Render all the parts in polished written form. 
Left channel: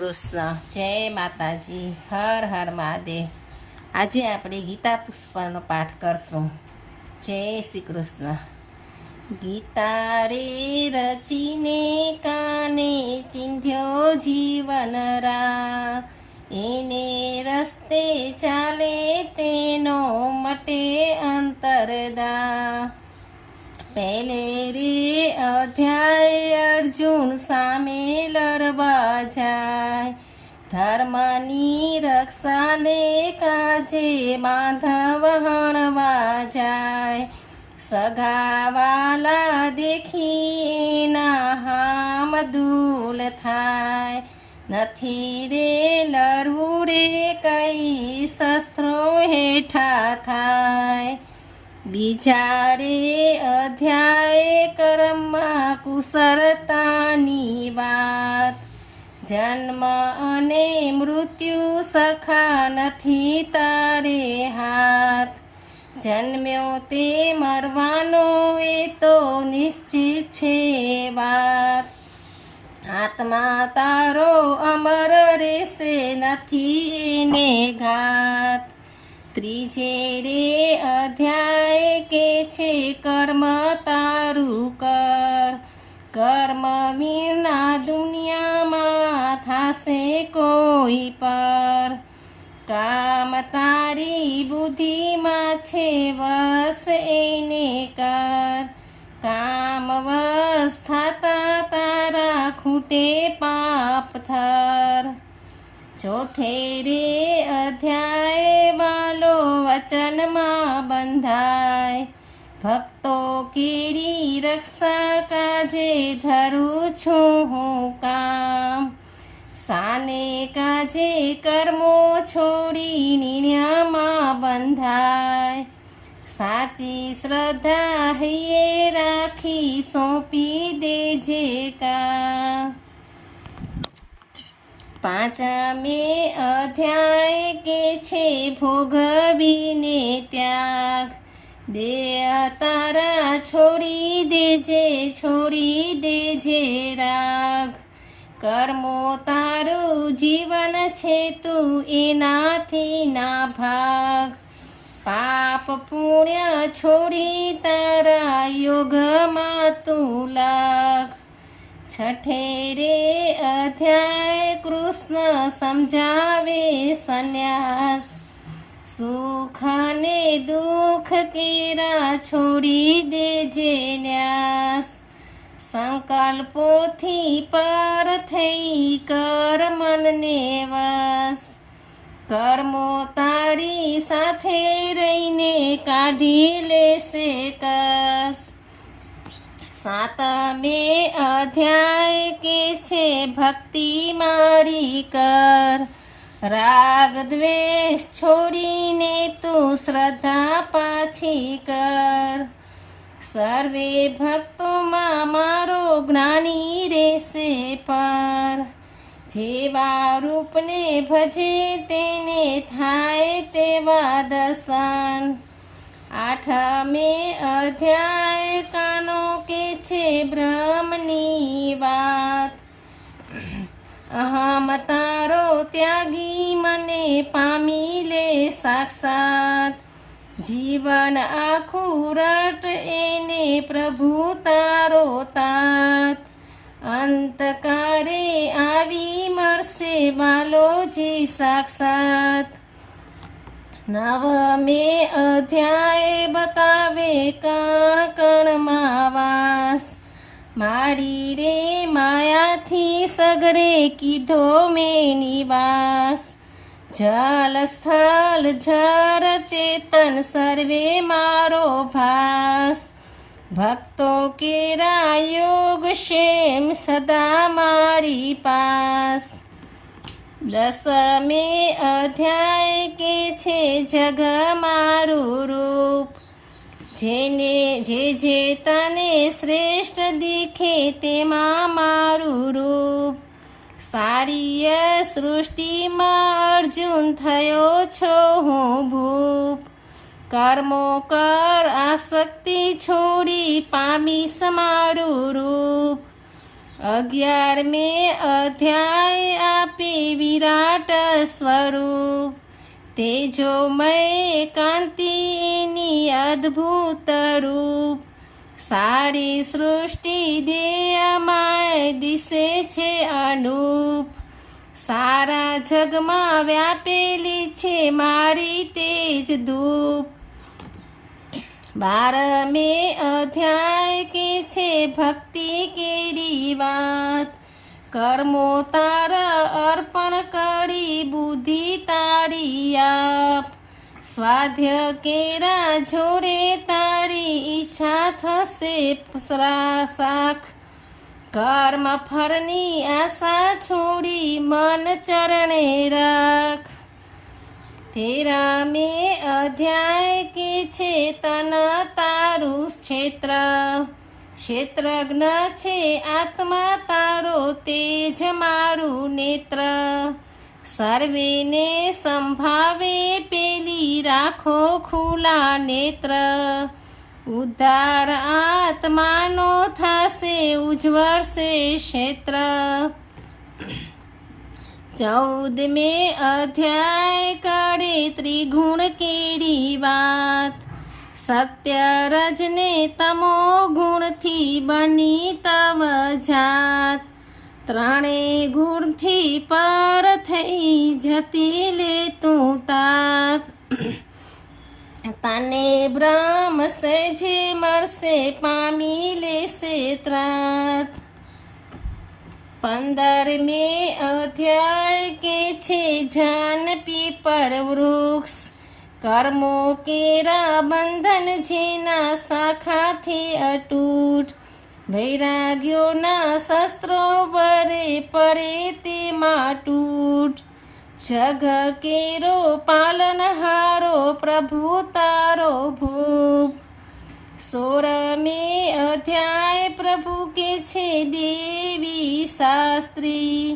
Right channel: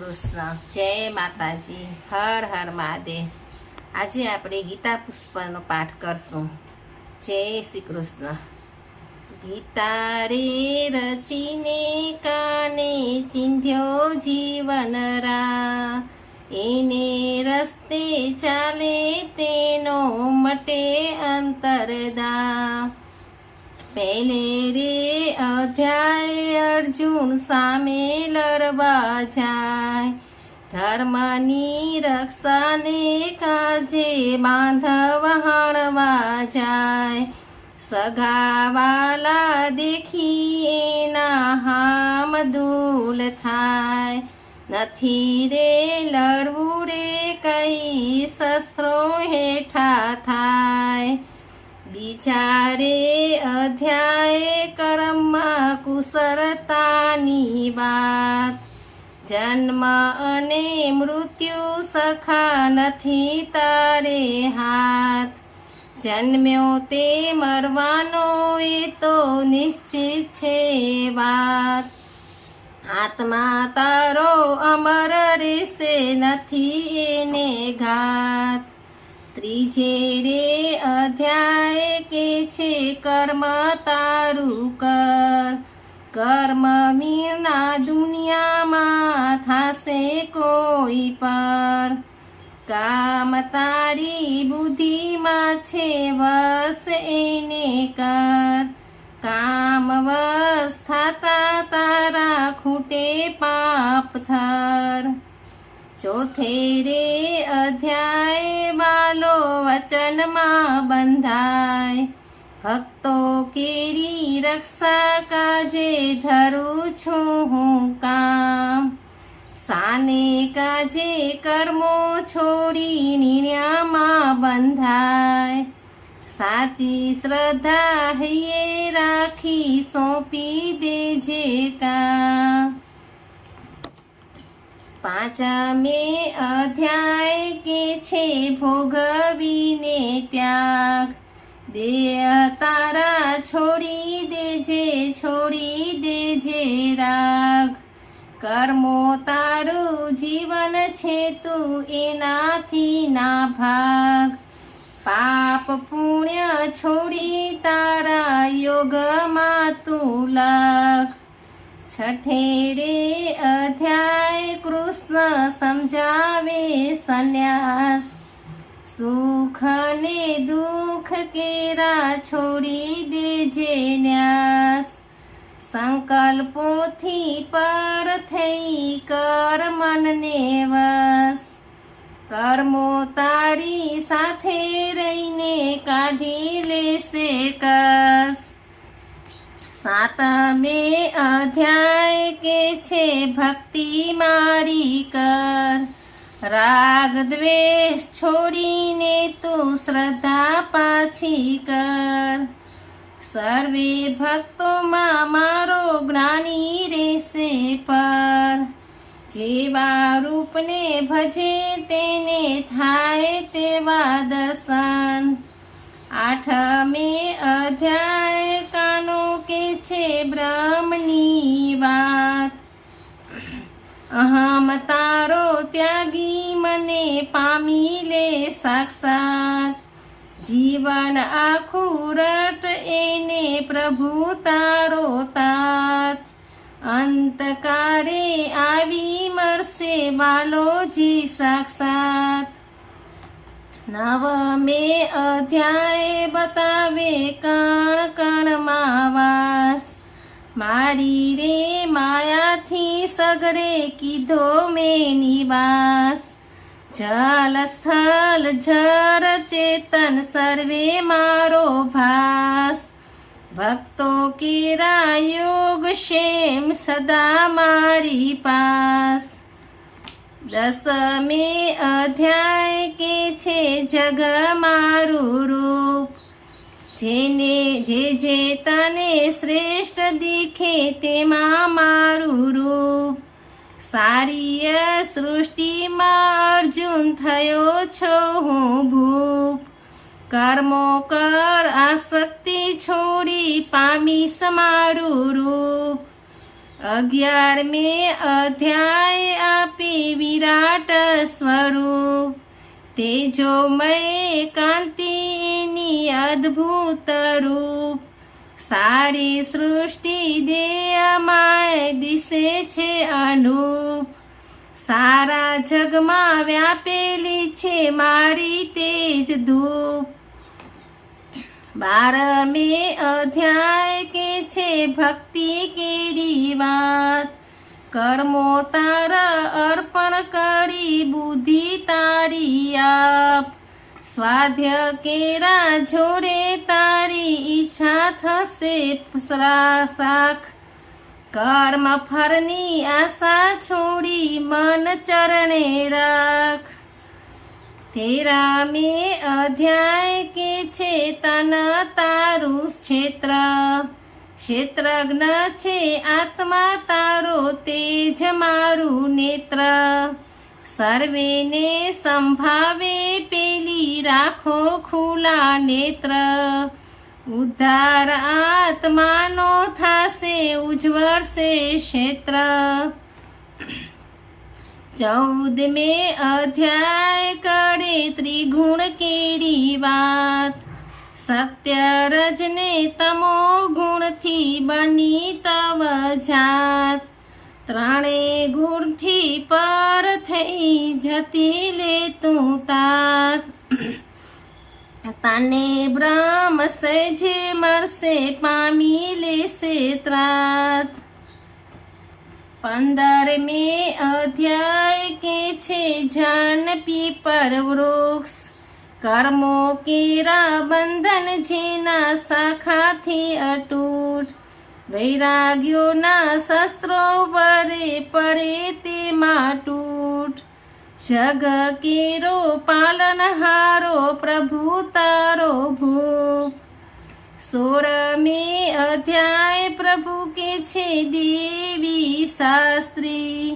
કૃષ્ણ. જય માતાજી. હર હર મહાદેવ. આજે આપણે ગીતા પુષ્પનો પાઠ કરશું. જય શ્રી કૃષ્ણ. ગીતા રે રચીને કાને ચિંધ્યો જીવન રા, એને રસ્તે ચાલે તેનો મટે અંતરદા. પહેલે રે અધ્યાય અર્જુન સામે લડવા જાય, ધર્મની રક્ષાને કાજે બાંધવ હણવા જાય. સગાવાલા દેખી એના હામ દૂલ થાય, નથી રે લડવું રે કઈ શસ્ત્રો હેઠા થાય. બીજા રે અધ્યાય કર્મમાં કુશળતાની વાત, જન્મ અને મૃત્યુ સખા નથી તારે હાથ. જન્મ્યો તે મરવાનો એ તો નિશ્ચિત છે વાત, આત્મા તારો અમર રહેશે નથી એને ઘાત. ત્રીજે રે અધ્યાય કે છે કર્મ તારું કર, કર્મ મીરના દુનિયામાં થાશે કોઈ પર. કામ તારી બુદ્ધિમાં છે વસ એને કર, કામ વસ થતા તારા ખૂટે પાપ થર. ચોથે રે અધ્યાય બાલો વચનમાં બંધાય, ભક્તો કેરી રક્ષા કાજે ધરું છું હું કામ. સાને કાજે કર્મો છોડી નિર્ણયમાં બંધાય, સાચી શ્રદ્ધા હૈયે રાખી સોંપી દેજે કામ. પાંચમે અધ્યાય કે છે ભોગવીને ત્યાગ, દેહ તારા છોડી દેજે રાગ. કર્મો તારું જીવન છે તું એનાથી ના ભાગ, પાપ પુણ્ય છોડી તારા યોગમાં તું લાગ. છઠે રે અધ્યાય કૃષ્ણ સમજાવે સંન્યાસ, સુખ ને દુઃખ કેરા છોડી દેજે ન્યાસ. સંકલ્પોથી પર થઈ કર મનને વશ, કર્મો તારી સાથે રહીને કાઢી લેશે કસ. સાતમે અધ્યાય કે છે ભક્તિ મારી કર, રાગ દ્વેષ છોડીને તું શ્રદ્ધા પાછી કર. સર્વે ભક્તોમાં મારો જ્ઞાની રહેશે પર, જેવા રૂપને ભજે તેને થાય તેવા દર્શન. આઠમે અધ્યાય કાનો કે છે બ્રહ્મની વાત, અહમ તારો ત્યાગી મને પામી લે સાક્ષાત. જીવન આખું રટ એને પ્રભુ તારો તાત, અંતકારે આવી મરશે બાલોજી સાક્ષાત. નવમે અધ્યાય બતાવે કણ કણમાં વાસ, મારી રે માયાથી સગરે કીધો મેં નિવાસ. જલ સ્થળ જળ ચેતન સર્વે મારો ભાસ, ભક્તો કેરા યોગ શેમ સદા મારી પાસ. દસમે અધ્યાય કે છે જગ મારું રૂપ, જેને જે તને શ્રેષ્ઠ દીખે તેમાં મારું રૂપ. સારી સૃષ્ટિમાં અર્જુન થયો છો હું ભૂપ, કર્મો કર આસક્તિ છોડી પામીશ મારું રૂપ. 11મે અધ્યાય આપે વિરાટ સ્વરૂપ, તેજોમય કાંતિ એની અદ્ભુત રૂપ, સારી સૃષ્ટિ દેયમાય દિશે છે અનુપ, સારા જગમાં વ્યાપેલી છે મારી તેજ ધૂપ. 12મે અધ્યાય કે છે ભક્તિ કેરી વાત, કર્મો તારા અર્પણ કરી બુદ્ધિ તારી આપ, સ્વાધ્ય કેરા જોડે તારી ઈચ્છા થશે સાખ, કર્મ ફળની આશા છોડી મન ચરણે રાખ. 13મે અધ્યાય કે છે તન તારું ક્ષેત્ર, ક્ષેત્રજ્ઞ છે આત્મા તારો તેજ મારું નેત્ર, સર્વેને સંભાવે પેલી રાખો ખુલ્લા નેત્ર, ઉદ્ધાર આત્માનો થાશે ઉજ્જવળશે ક્ષેત્ર. 14મે અધ્યાય કરે ત્રિગુણ કેરી વાત, સત્ય રજને તમો ગુણથી બની તવ જાત, ત્રણે ગુણથી પર થઈ જતી લે તું તાત, તને બ્રહ્મ સહેજે મળશે પામી લેશે ત્રાત. 15મે અધ્યાય કે છે જાન પીપર વૃક્ષ, કર્મો કેરા બંધન જેના શાખાથી અતૂટ, વૈરાગ્યોના શસ્ત્રો વરે પડે તેમાં તૂટ, જગ કેરો પાલનહારો પ્રભુ તારો ભૂપ. 16મે અધ્યાય પ્રભુ કે છે દેવી શાસ્ત્રી,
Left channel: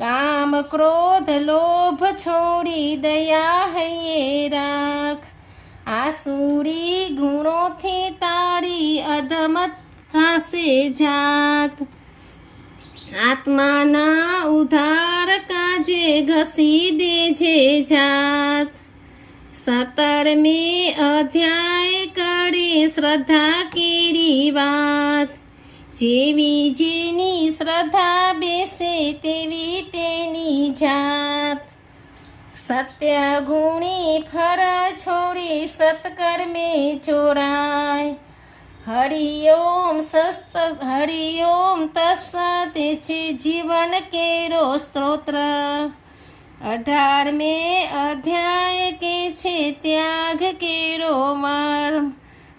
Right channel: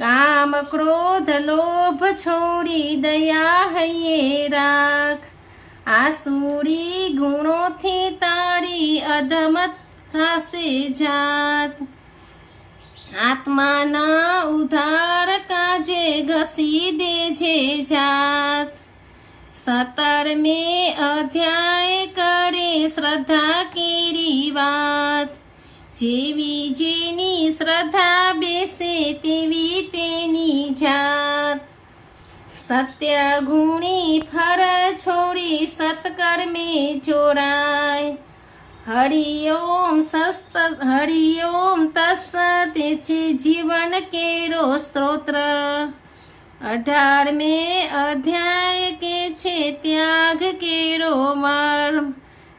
કામ ક્રોધ લોભ છોડી દયા હૈયે રાખ, આસુરી ગુણોથી તારી અધમત થશે જાત, આત્માના ઉદ્ધાર કાજે ઘસી દેજે જાત. 17મે અધ્યાય કરે શ્રદ્ધા કેરી વાત, જેવી જેની શ્રદ્ધા બેસે તેવી તેની જાત, સત્ય ગુણી ફળ છોડી સત્કર્મે જોડાય, હરિઓમ તસ્સત તે છે જીવન કેરો સ્ત્રોત્ર. 18મે અધ્યાય કે છે ત્યાગ કેરો મર્મ,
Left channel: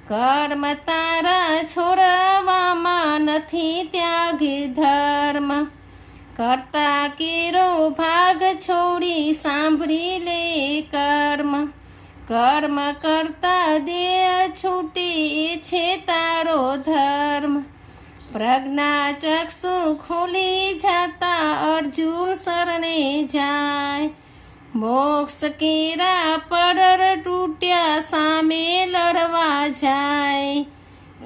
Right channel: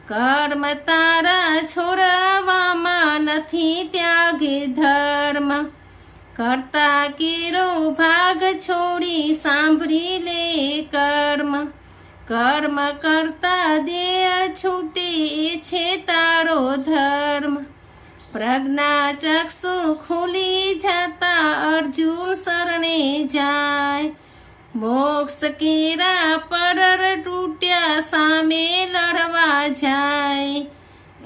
કર્મ તારા છોડવામાં નથી ત્યાગે ધર્મ, કરતા કેરો ભાગ છોડી સાંભળી લે કર્મ, કર્મ કરતા દેહ છૂટે એ છે તારો ધર્મ, પ્રજ્ઞા ચક્ષુ ખુલી જતા અર્જુન શરણે જાય, મોક્ષ કેરા પડર તૂટ્યા સામે લડવા જાય,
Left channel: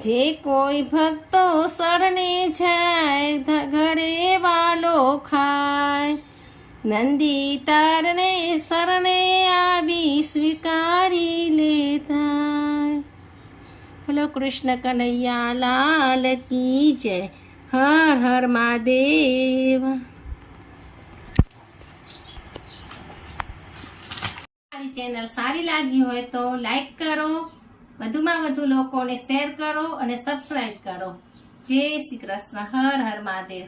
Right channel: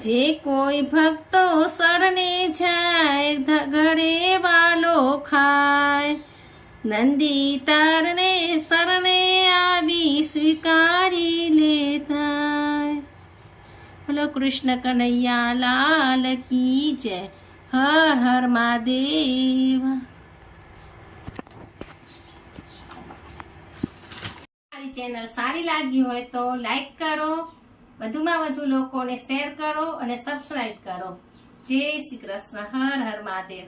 જે કોઈ ભક્તો શરણે જાય ઘરે વાલો ખાય, નંદી તારને શરણે આવી સ્વીકારી લેતા. બોલો કૃષ્ણ કનૈયા લાલ કી જય. હર હર મહાદેવ. મારી ચેનલ સારી લાગી હોય તો લાઈક કરો, વધુમાં વધુ લોકોને શેર કરો અને સબસ્ક્રાઈબ કરો. જય શ્રી કૃષ્ણ. હર હર મહાદેવ.